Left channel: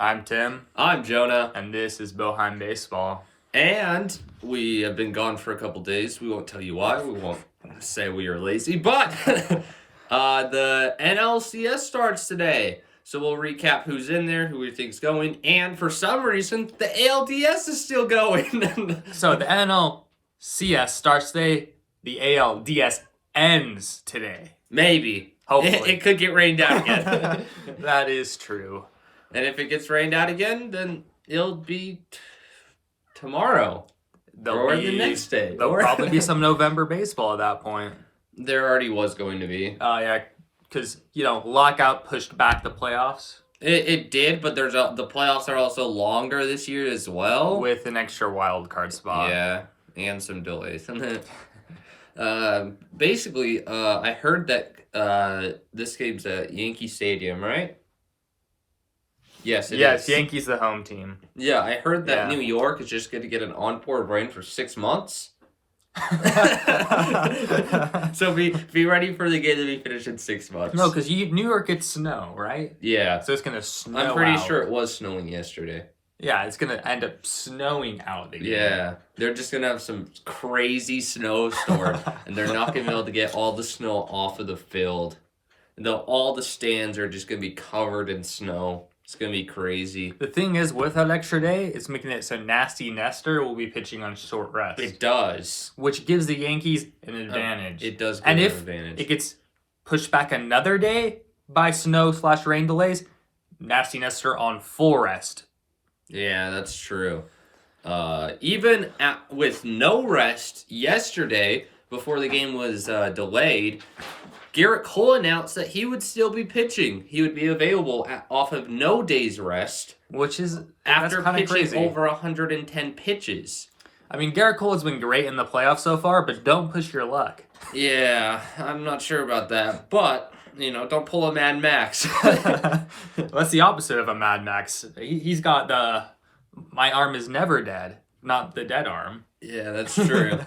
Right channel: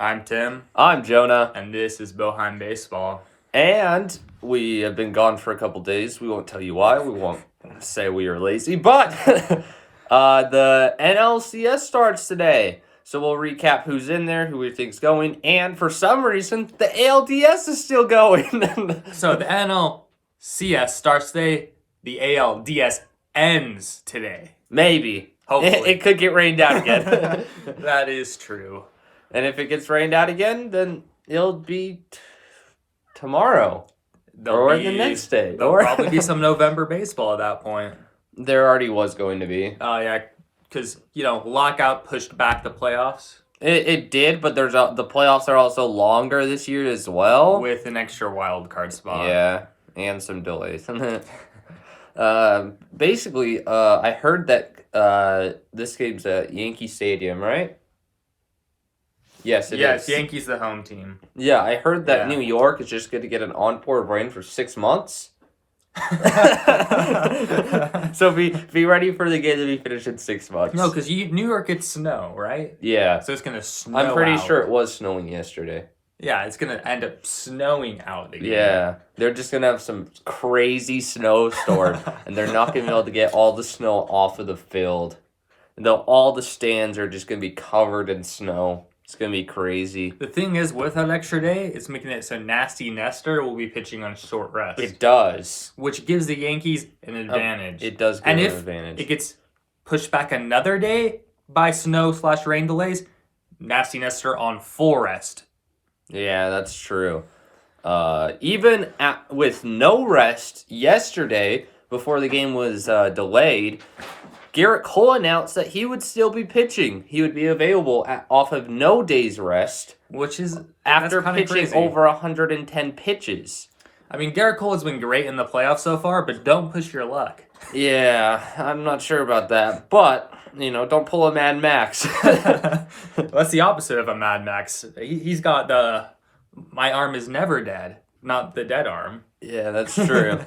I'm Tim, I'm Jonah, and this is Boheim Baseball. and we have been gone for a couple days. We won't tell you why. We won't say we are lazy, but the NLCS starts today. So we'll recap who's in there, who we think's going, and for some reason, the ALDS is still going. So the NLCS starts today, the ALDS ends today. Maybe. Hopefully. It could get rained out again. That is true. And if it gets rained out again, then it'll be tomorrow. Or the next day. There'll probably be some November baseball at that point. There already was going to be. Oh, yeah, because, lockout pushed back the playoffs. It did, but the playoffs are also longer this year as well. With an extra wild card spot. Yeah, and some delays. Basically, I heard that this game's at Yankee Stadium, right? Yes, it is. Yankees the home team. Yeah, I heard that New York is just going to get an on-board rain for 6 months. So be ready for the game to be finished in 6 months. No, because New York gets snow, right? Yeah. So it's going to snow I'm pretty sure it was snowing yesterday. Yeah, it's going to end up snowing out again. Yeah, they're just going to have some crazy snowstorm, and they're not going to be able to get all the snow off of the field. All the stands are just going to be covered in snow. It's going to be crazy. The thing is, with that extra day, it's making it so Nasty Nestor will be pitching on short rest. It does. Which gives the Yankees an advantage. It does give an advantage. And if it gets pushed back another day by snow/rain delays, Nasty Nestor on full rest. Yeah, that's true. Even with no rest yesterday, before the game was delayed, Garrett Cole announced that he would still be pitching. He would be available off of no day's rest, which is after pitching crazy. Over 110 pitches. I mean, Garrett Cole has been great in the playoffs so far, but don't push your luck. Yeah, I'm not sure about that, but don't pull a Mad Max. That's the opposite of a Mad Max. He's got the "my arm is never dead," not the dead arm. Yeah, that's true.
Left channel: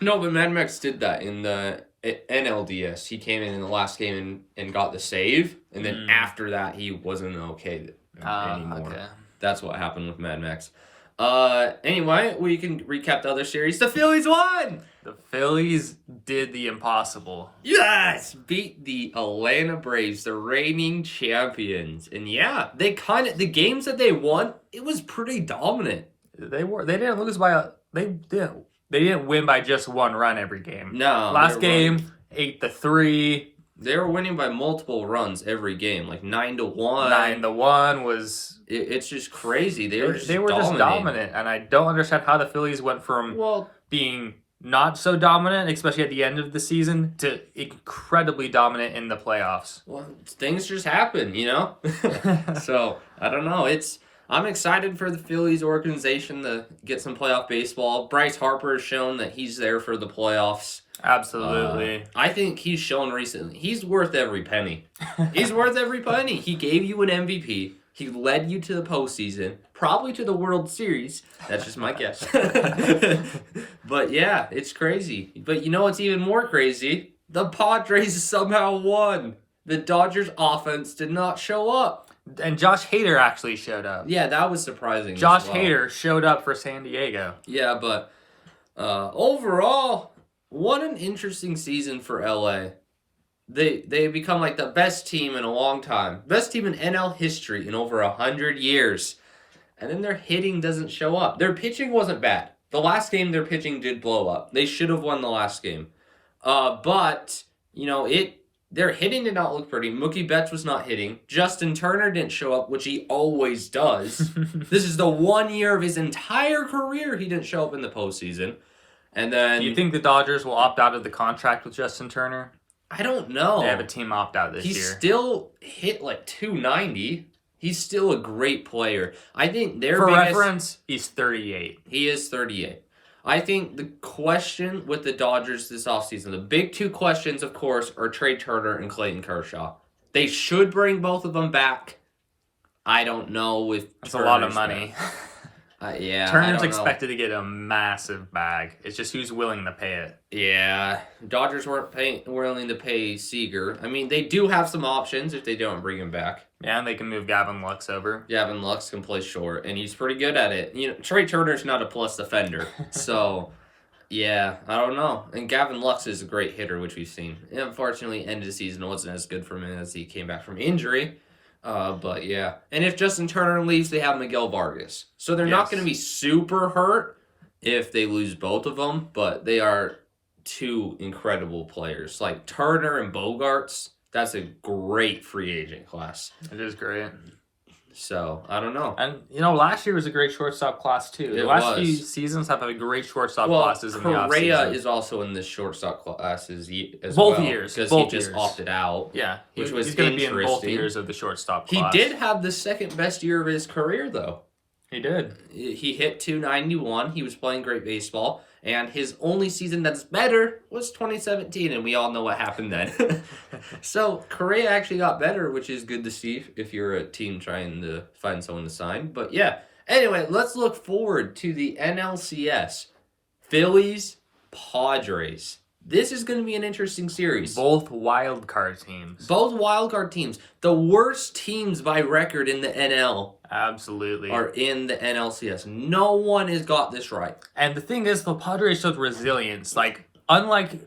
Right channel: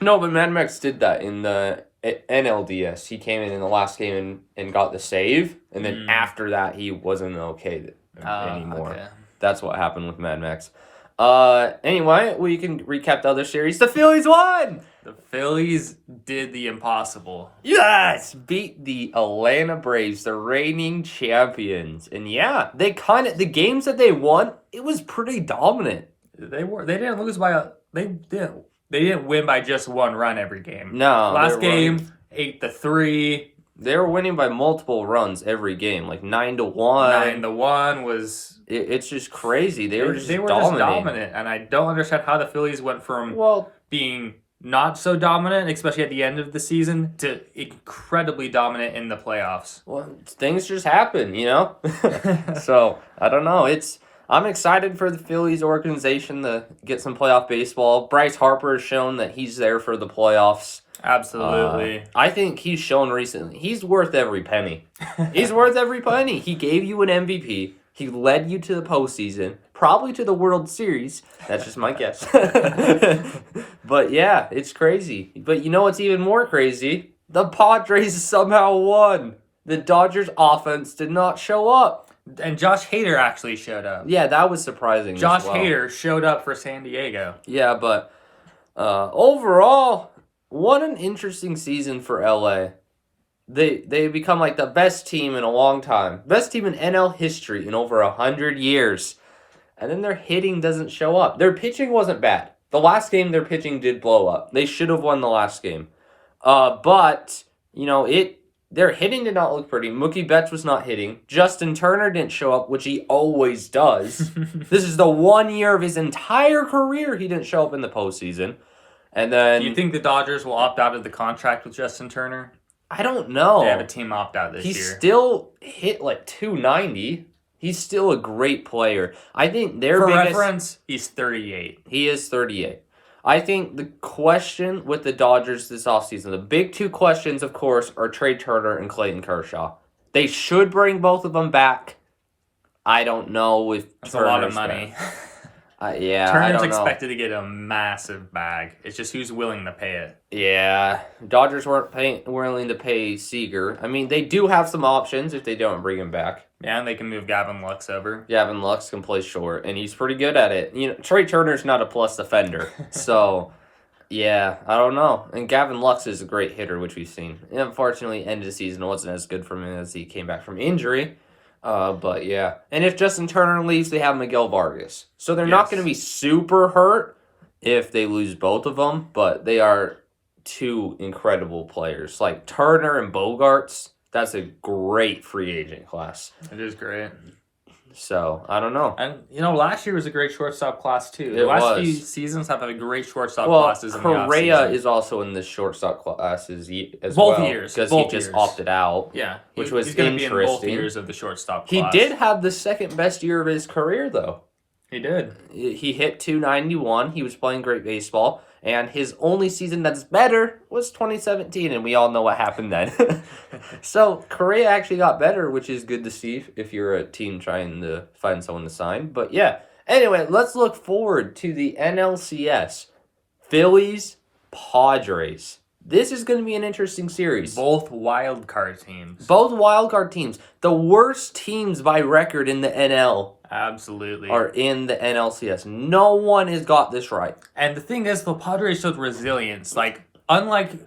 No, but Mad Max did that in the NLDS. He came in the last game and got the save, and then after that he wasn't okay anymore. Okay. That's what happened with Mad Max. Anyway, we can recap the other series. The Phillies won! The Phillies did the impossible. Yes! Beat the Atlanta Braves, the reigning champions. And yeah, the games that they won, it was pretty dominant. They didn't lose by they didn't win by just one run every game. No. Last game, 8-3. They were winning by multiple runs every game, like 9-1. 9-1 was. It's just crazy. They were just dominant, and I don't understand how the Phillies went from being not so dominant, especially at the end of the season, to incredibly dominant in the playoffs. Well, things just happen, So I don't know. I'm excited for the Phillies organization to get some playoff baseball. Bryce Harper has shown that he's there for the playoffs. Absolutely. I think he's shown recently he's worth every penny. He's worth every penny. He gave you an MVP. He led you to the postseason, probably to the World Series. That's just my guess. But yeah, it's crazy. But you know what's even more crazy? The Padres somehow won. The Dodgers offense did not show up. And Josh Hader actually showed up. Yeah, that was surprising. Josh Hader showed up for San Diego. Yeah, but overall, what an interesting season for LA. They become like the best team in a long time. Best team in NL history in over 100 years. And then their hitting doesn't show up. Their pitching wasn't bad. The last game, their pitching did blow up. They should have won the last game. But, their hitting did not look pretty. Mookie Betts was not hitting. Justin Turner didn't show up, which he always does. This is the 1 year of his entire career he didn't show up in the postseason. And then, do you think the Dodgers will opt out of the contract with Justin Turner? I don't know. They have a team opt-out this year. He still hit like 290. He's still a great player. I think For reference, he's 38. He is 38. I think the question with the Dodgers this offseason, the big two questions, of course, are Trey Turner and Clayton Kershaw. They should bring both of them back. I don't know if That's a lot of money. Yeah, Turner's expected to get a massive bag. It's just who's willing to pay it. Yeah, Dodgers weren't willing to pay Seager. I mean, they do have some options if they don't bring him back. Yeah, and they can move Gavin Lux over. Gavin Lux can play short, and he's pretty good at it. You know, Trey Turner's not a plus defender, so yeah, I don't know. And Gavin Lux is a great hitter, which we've seen. And unfortunately, end of the season wasn't as good for him as he came back from injury. But yeah, and if Justin Turner leaves, they have Miguel Vargas, so they're not going to be super hurt if they lose both of them. But they are two incredible players, like Turner and Bogarts. That's a great free agent class. It is great. So, I don't know. And, last year was a great shortstop class, too. The last few seasons have had great shortstop classes in the offseason. Correa is also in the shortstop classes as both well. Years. Because both he years. just opted out. Yeah. Which was he's going to be in both years of the shortstop class. He did have the second best year of his career, though. He did. He hit .291. He was playing great baseball. And his only season that's better was 2017, and we all know what happened then. So Correa actually got better, which is good to see if you're a team trying to find someone to sign. But yeah, anyway, let's look forward to the NLCS. Phillies, Padres. This is going to be an interesting series. Both wild card teams. Both wild card teams. The worst teams by record in the NL. Absolutely. Are in the NLCS. No one has got this right. And the thing is, the Padres showed resilience. Unlike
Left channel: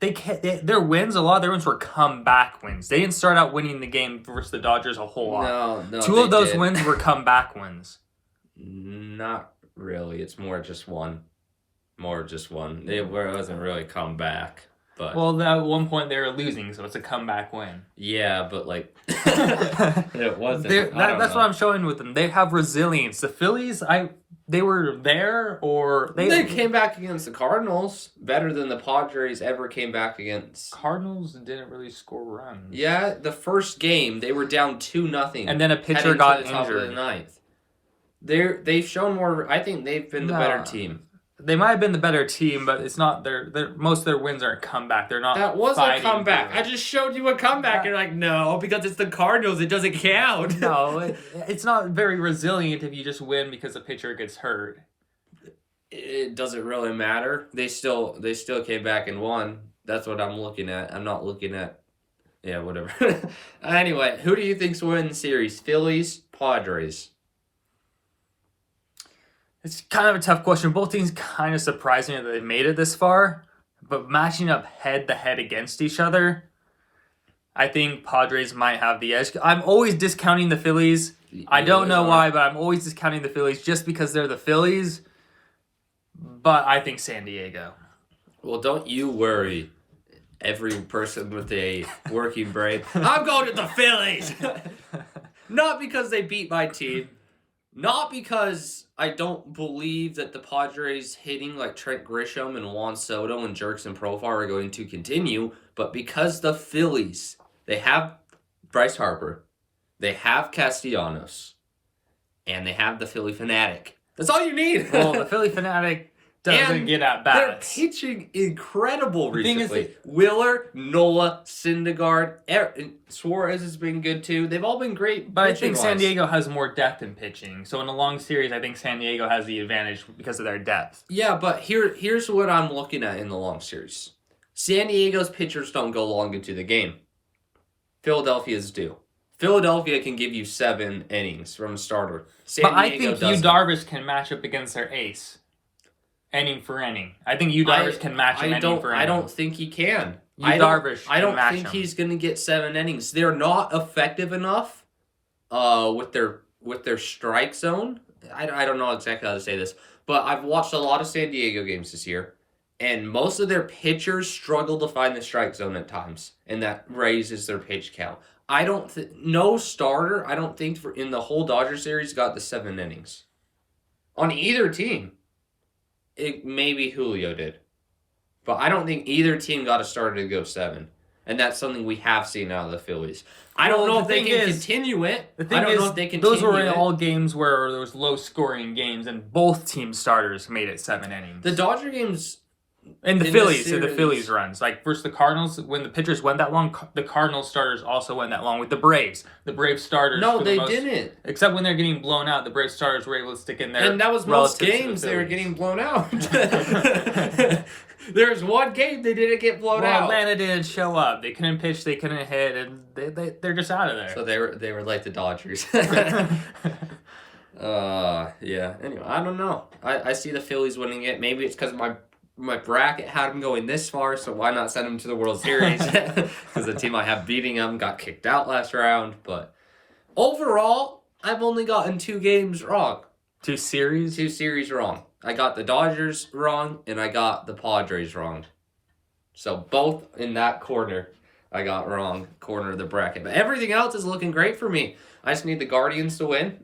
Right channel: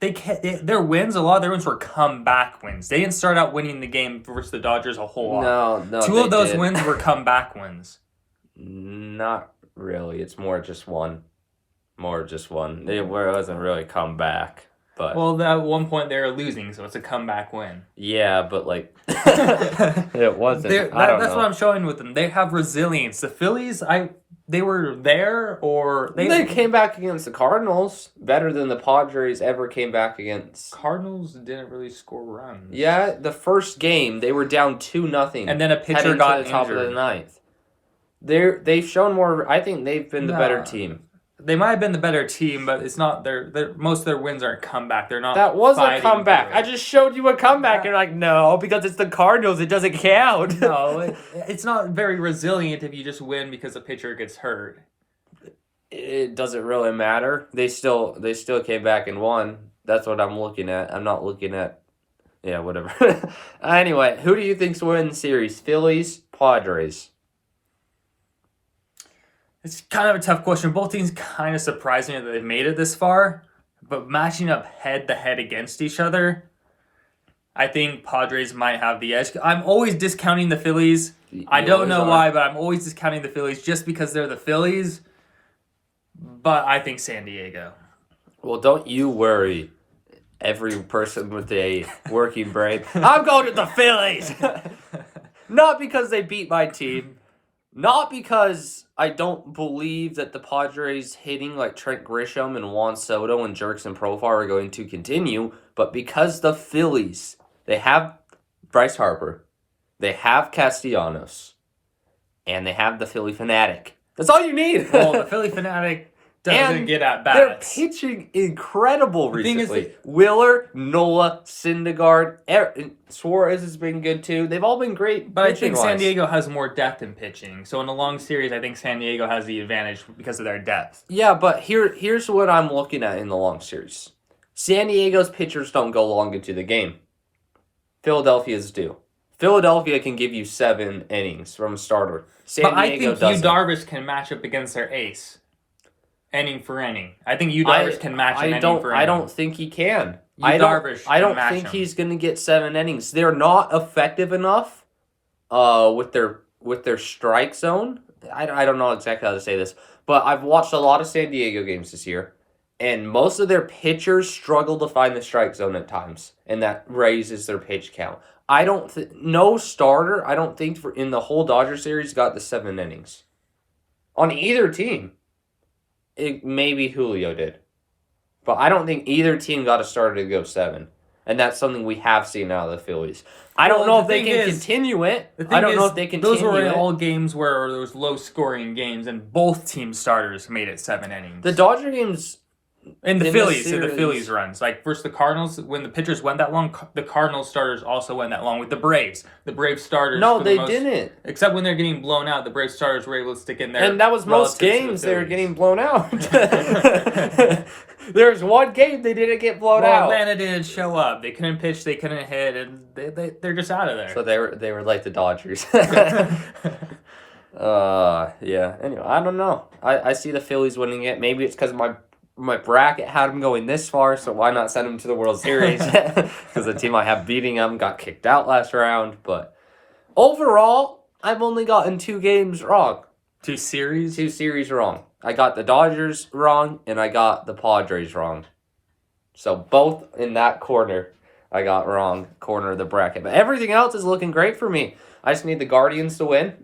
their wins, a lot of their wins were comeback wins. They didn't start out winning the game versus the Dodgers a whole lot. No. Two of those wins were comeback wins. Not really. It's more just one. It wasn't really comeback. But well, at one point they were losing, so it's a comeback win. Yeah, but it wasn't. That's what I'm showing with them. They have resilience. The Phillies, they were there, or they came back against the Cardinals better than the Padres ever came back against. Cardinals didn't really score runs. Yeah, the first game they were down 2-0, and then a pitcher got injured. Top of the ninth. They've shown more. I think they've been the better team. They might have been the better team, but it's not most of their wins aren't comeback. They're not. That was a comeback. I just showed you a comeback, and no, because it's the Cardinals, it doesn't count. No, it's not very resilient if you just win because the pitcher gets hurt. It doesn't really matter. They still came back and won. That's what I'm looking at. I'm not looking at. Yeah, whatever. Anyway, who do you think's winning the series? Phillies, Padres. It's kind of a tough question. Both teams kind of surprised me that they've made it this far, but matching up head-to-head against each other, I think Padres might have the edge. I'm always discounting the Phillies. I don't know why, but I'm always discounting the Phillies just because they're the Phillies, but I think San Diego. Well, don't you worry. Every person with a working brain. I'm going to the Phillies! Not because they beat my team. Not because I don't believe that the Padres hitting like Trent Grisham and Juan Soto and Jerks and Profar are going to continue, but because the Phillies, they have Bryce Harper, they have Castellanos, and they have the Philly Fanatic. That's all you need. Well, the Philly Fanatic doesn't get at bats. They're pitching incredible recently. Wheeler, Nola, Syndergaard, Suarez has been good too. They've all been great. But I think San Diego has more depth in pitching. So in a long series, I think San Diego has the advantage because of their depth. Yeah, but here's what I'm looking at in the long series. San Diego's pitchers don't go long into the game. Philadelphia's do. Philadelphia can give you 7 innings from a starter. But I think Yu Darvish can match up against their ace. Inning for inning. I think Yu Darvish can match him inning for inning. I don't think he can. I don't think he's going to get 7 innings. They're not effective enough with their strike zone. I don't know exactly how to say this, but I've watched a lot of San Diego games this year, and most of their pitchers struggle to find the strike zone at times, and that raises their pitch count. No starter, I don't think, in the whole Dodger series got the 7 innings. On either team. Maybe Julio did. But I don't think either team got a starter to go 7. And that's something we have seen out of the Phillies. I don't know if they can continue it. I don't know if they can those were all games where there was low-scoring games, and both team starters made it 7 innings. The Dodger games, And the in Phillies, series. the Phillies runs. Like, versus the Cardinals, when the pitchers went that long, the Cardinals starters also went that long with the Braves. The Braves starters, No, for they the most, didn't. Except when they're getting blown out, the Braves starters were able to stick in there. And that was most games they were getting blown out. There's one game they didn't get blown out. Atlanta didn't show up. They couldn't pitch, they couldn't hit, and they're just out of there. So they were like the Dodgers. Yeah. Anyway, I don't know. I see the Phillies winning it. Maybe it's because my bracket had them going this far, so why not send them to the World Series? Because the team I have beating them got kicked out last round. But overall, I've only gotten 2 games wrong. 2 series? 2 series wrong. I got the Dodgers wrong, and I got the Padres wrong. So both in that corner, I got wrong, corner of the bracket. But everything else is looking great for me. I just need the Guardians to win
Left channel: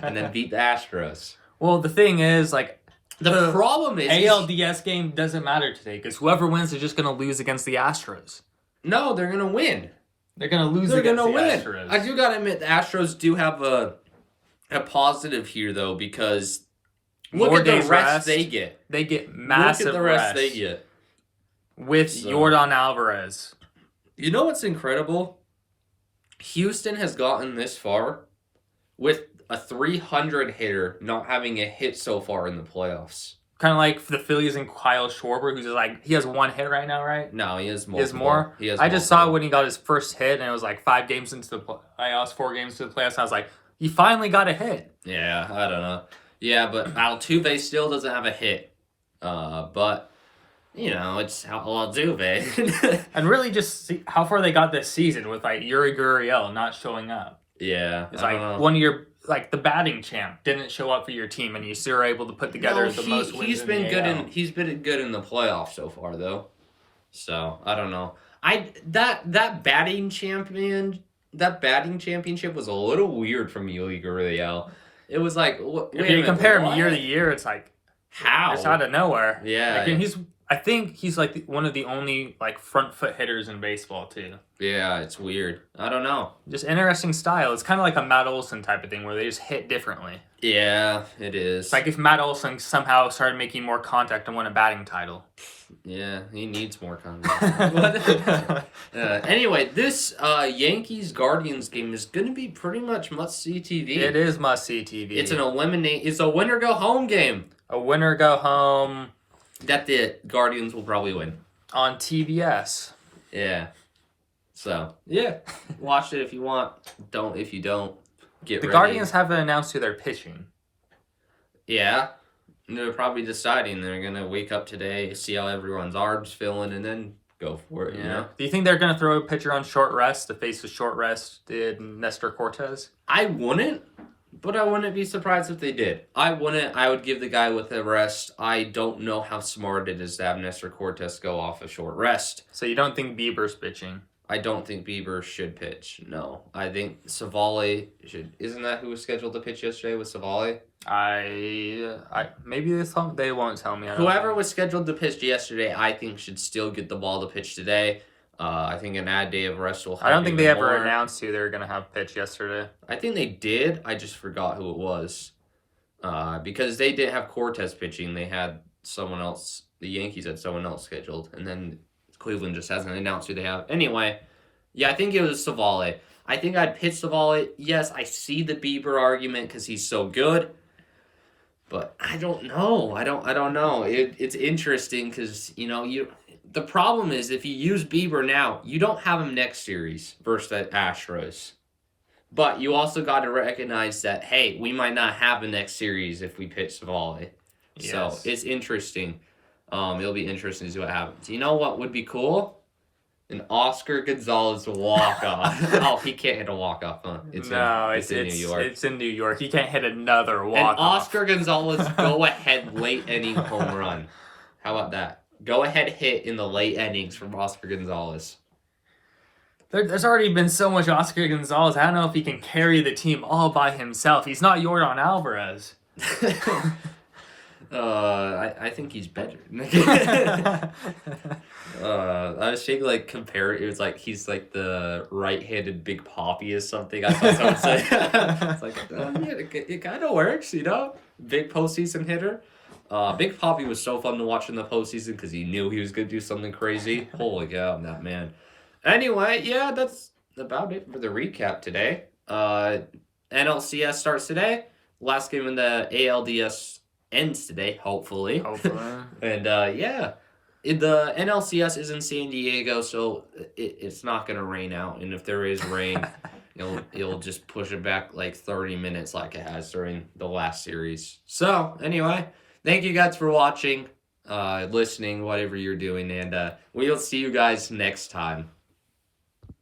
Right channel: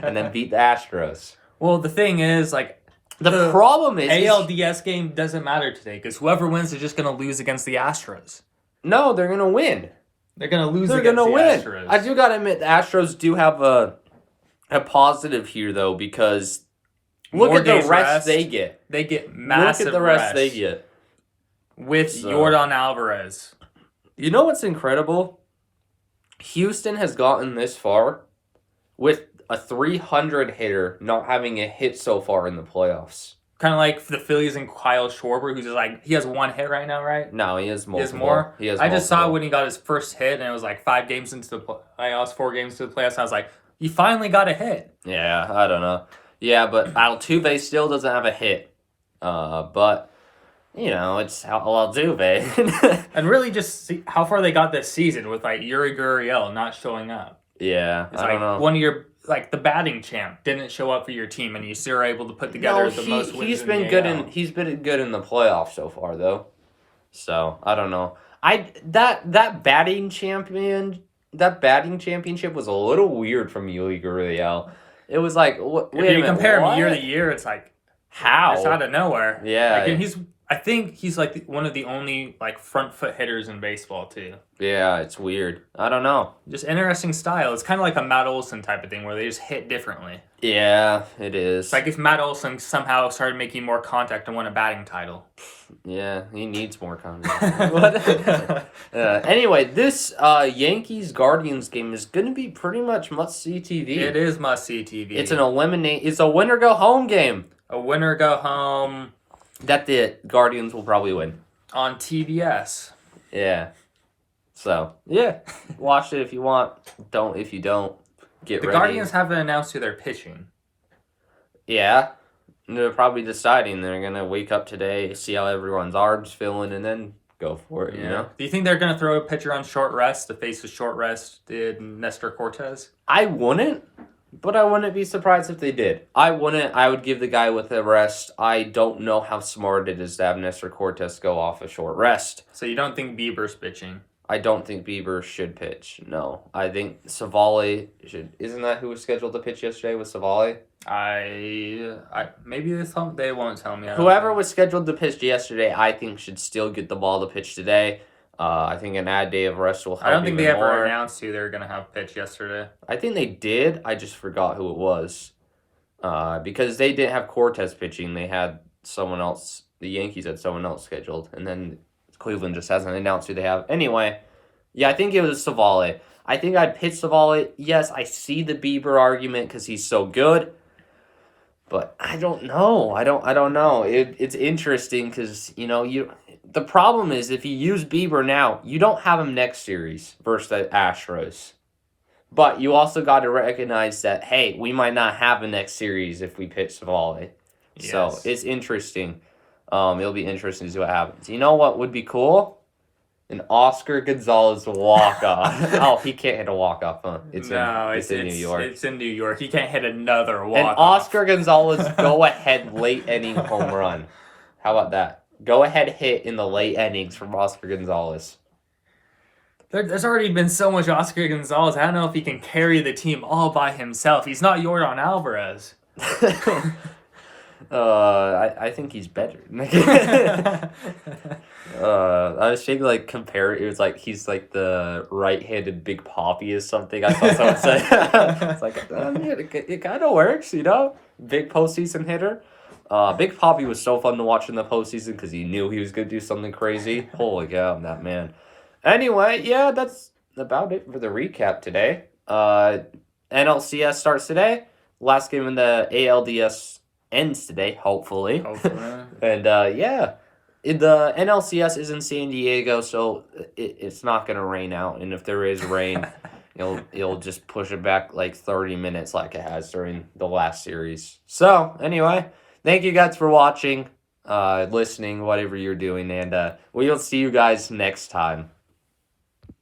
and then beat the Astros. Well, the thing is, like, the problem is ALDS game doesn't matter today because whoever wins is just going to lose against the Astros. No, they're going to win. They're going to lose against the Astros. I do got to admit, the Astros do have a positive here, though, because look at the rest they get. They get massive Look at the rest they get. With Yordan Alvarez. You know what's incredible? Houston has gotten this far with a 300 hitter not having a hit so far in the playoffs. Kind of like the Phillies and Kyle Schwarber, who's just like, he has 1 hit right now, right? No, he has more. He has more? I just saw when he got his first hit, and it was like 5 games into the playoffs, 4 games into the playoffs. I was like, he finally got a hit. Yeah, I don't know. Yeah, but Altuve still doesn't have a hit. But, you know, it's Altuve. And really just see how far they got this season with, like, Yuri Gurriel not showing up. Yeah, it's like one of your, like, the batting champ didn't show up for your team, and you still are able to put together the most wins in the AL. He's been good in the playoffs so far, though. So, I don't know. That batting championship was a little weird from Yuri Gurriel. It was like, if you compare him year to year, it's like, how? It's out of nowhere. Yeah. Like, and I think he's like one of the only like front foot hitters in baseball too. Yeah, it's weird. I don't know. Just interesting style. It's kind of like a Matt Olson type of thing where they just hit differently. Yeah, it is. It's like if Matt Olson somehow started making more contact and won a batting title. Yeah, he needs more contact. Anyway, this Yankees-Guardians game is going to be pretty much must-see TV. It is must-see TV. It's It's a winner-go-home game. A winner-go-home. That the Guardians will probably win. On TBS. Yeah. So, yeah. Watch it if you want. Don't if you don't. Get ready. The Guardians haven't announced who they're pitching. Yeah. They're probably deciding. They're going to wake up today, see how everyone's arms feeling, and then go for it, you know? Do you think they're going to throw a pitcher on short rest to face a short rested Nestor Cortez? I wouldn't, but I wouldn't be surprised if they did. I wouldn't. I would give the guy with a rest. I don't know how smart it is to have Nestor Cortez go off a short rest. So you don't think Bieber's pitching? I don't think Bieber should pitch. No. I think Savali should. Isn't that who was scheduled to pitch yesterday with Savali? Maybe they won't tell me. Whoever was scheduled to pitch yesterday, I think should still get the ball to pitch today. I think an add day of rest will help. I don't think they ever more. announced who they were going to have pitch yesterday. I think they did. I just forgot who it was. Because they didn't have Cortez pitching. They had someone else. The Yankees had someone else scheduled. And then Cleveland just hasn't announced who they have. Anyway, yeah, I think it was Savali. I think I'd pitch Savali. Yes, I see the Bieber argument because he's so good. But I don't know. I don't know. It's interesting because, you know, the problem is if you use Bieber now, you don't have him next series versus the Astros. But you also got to recognize that, hey, we might not have a next series if we pitch Savali. Yes. So it's interesting. It'll be interesting to see what happens. You know what would be cool? An Oscar Gonzalez walk-off. Oh, he can't hit a walk-off, huh? It's in New York. It's in New York. He can't hit another walk-off. An Oscar Gonzalez go-ahead late inning home run. How about that? Go-ahead hit in the late innings from Oscar Gonzalez. There's already been so much Oscar Gonzalez. I don't know if he can carry the team all by himself. He's not Yordan Alvarez. I think he's better. I was thinking like compare it was like he's like the right-handed Big Papi or something. I thought someone said it's like it kind of works, you know. Big postseason hitter. Big Poppy was so fun to watch in the postseason because he knew he was going to do something crazy. Holy cow, that man. Anyway, yeah, that's about it for the recap today. NLCS starts today. Last game in the ALDS ends today, hopefully. And yeah, the NLCS is in San Diego, so it's not going to rain out. And if there is rain, you'll just push it back like 30 minutes like it has during the last series. So anyway, thank you guys for watching, listening, whatever you're doing, and we'll see you guys next time.